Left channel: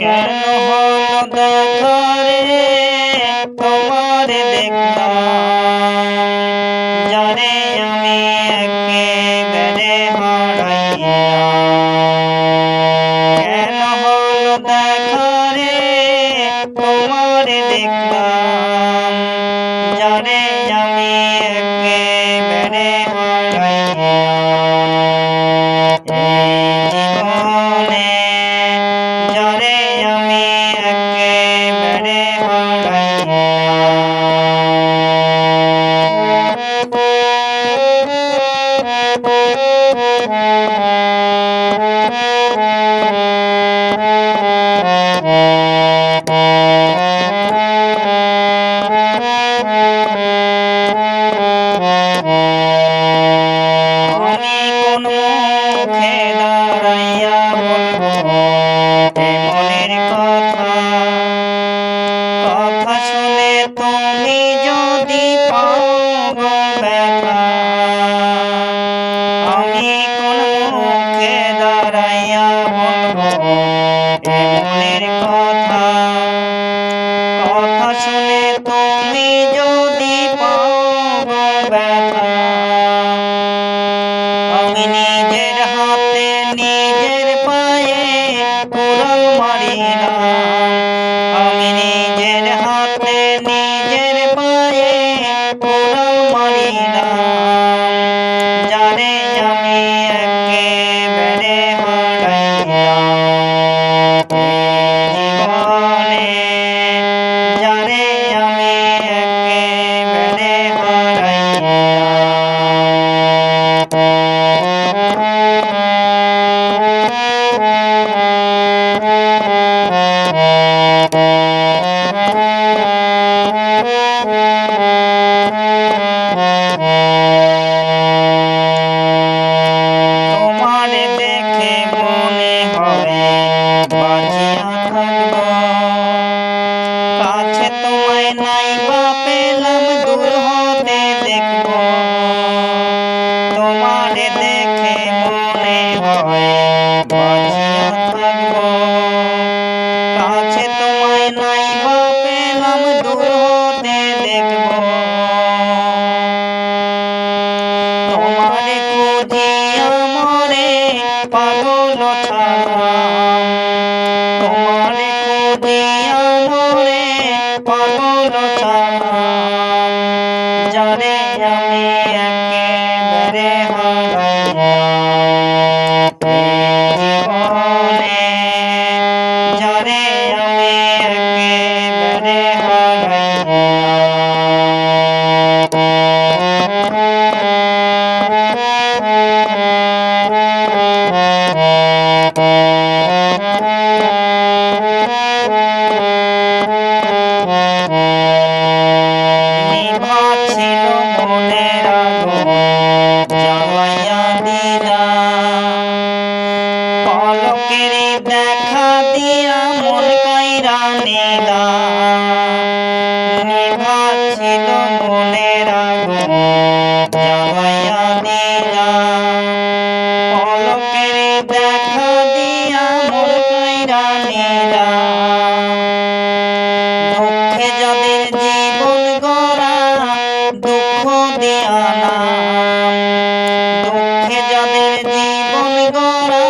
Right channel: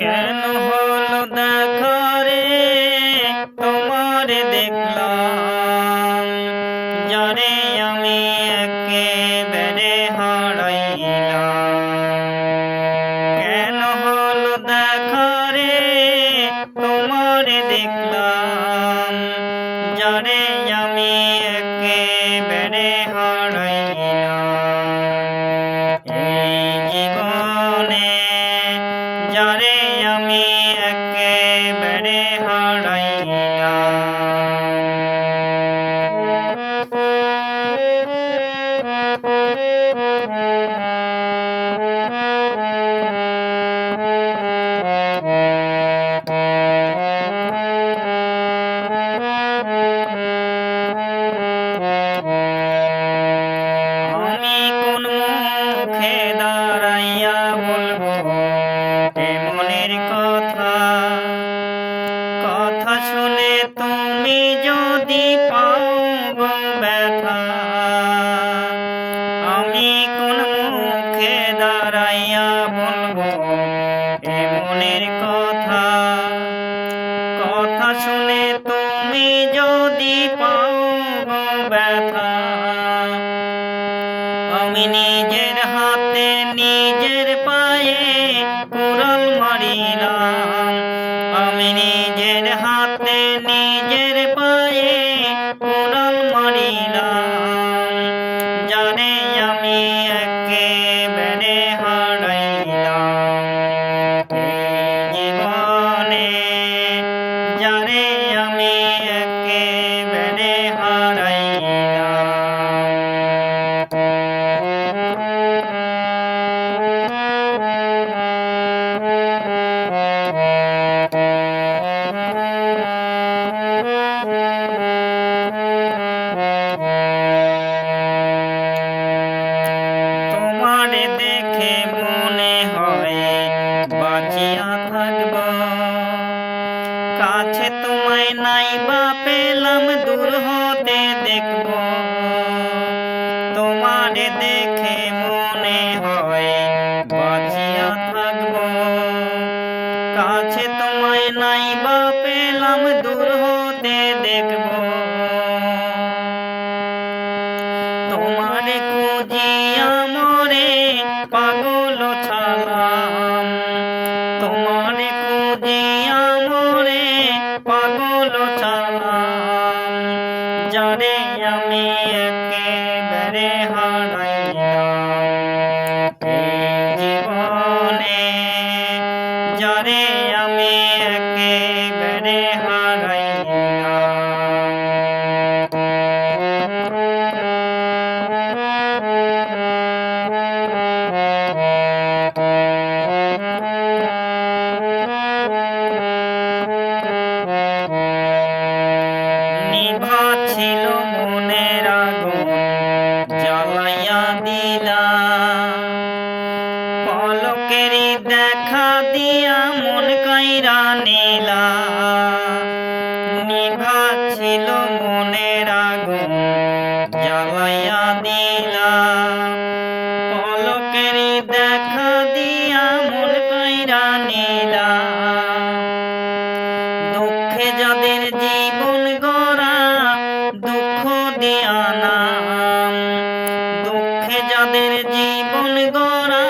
কেন হলো দেখা রে তোমার দেখলাম, যারে আমি একেবারে হারাইলাম। কেন হলো দেখা রে তোমার দেখলাম, যারে আমি একেবারে হারাইলাম। যারে আমি একেবারে হারাইলাম। আমি কোন মুখে দাঁড়াইয়া বলবো মনের কথা, কথা শুনে তুমি যদি পাও গো ব্যথা। আমি কোন মুখে দাঁড়াইয়া বলবো মনের কথা, কথা শুনে তুমি যদি পাও গো ব্যথা। আমি নিজের হাতে নিজের পায়ে কুড়াল মারিলাম, আমি নিজের হাতে নিজের পায়ে কুড়াল মারিলাম, যারে আমি একেবারে হারাইলাম। জীবনে যারে আমি একেবারে হারাইলাম। তোমারে দেখে মনে হয় বাঁচিয়া থাকব, কাছে তোমায় নাই বা পেলাম দূর হতে দেখব। তোমারে দেখে মনে হয় বাঁচিয়া থাকব, কাছে তোমায় নাই বা পেলাম দূর হতে দেখব। তোমারে খুঁজিয়া মরে পাগল ছালাম, তোমারে খুঁজিয়া মরে পাগল ছালাম, যারে আমি একেবারে হারাইলাম। জীবনে যারে আমি একেবারে হারাইলাম। নিভা ছিল মনের আগুন জ্বালাইয়া দিলা, পলকেরই দেখা দিয়া মন কাইরা নিলা। নিভা ছিল মনের আগুন জ্বালাইয়া দিলা, পলকেরই দেখা দিয়া মন কাইরা নিলা। দুঃখে যাদের জীবন গড়া দুঃখ দিয়া নাম, দুঃখে যাদের জীবন গড়া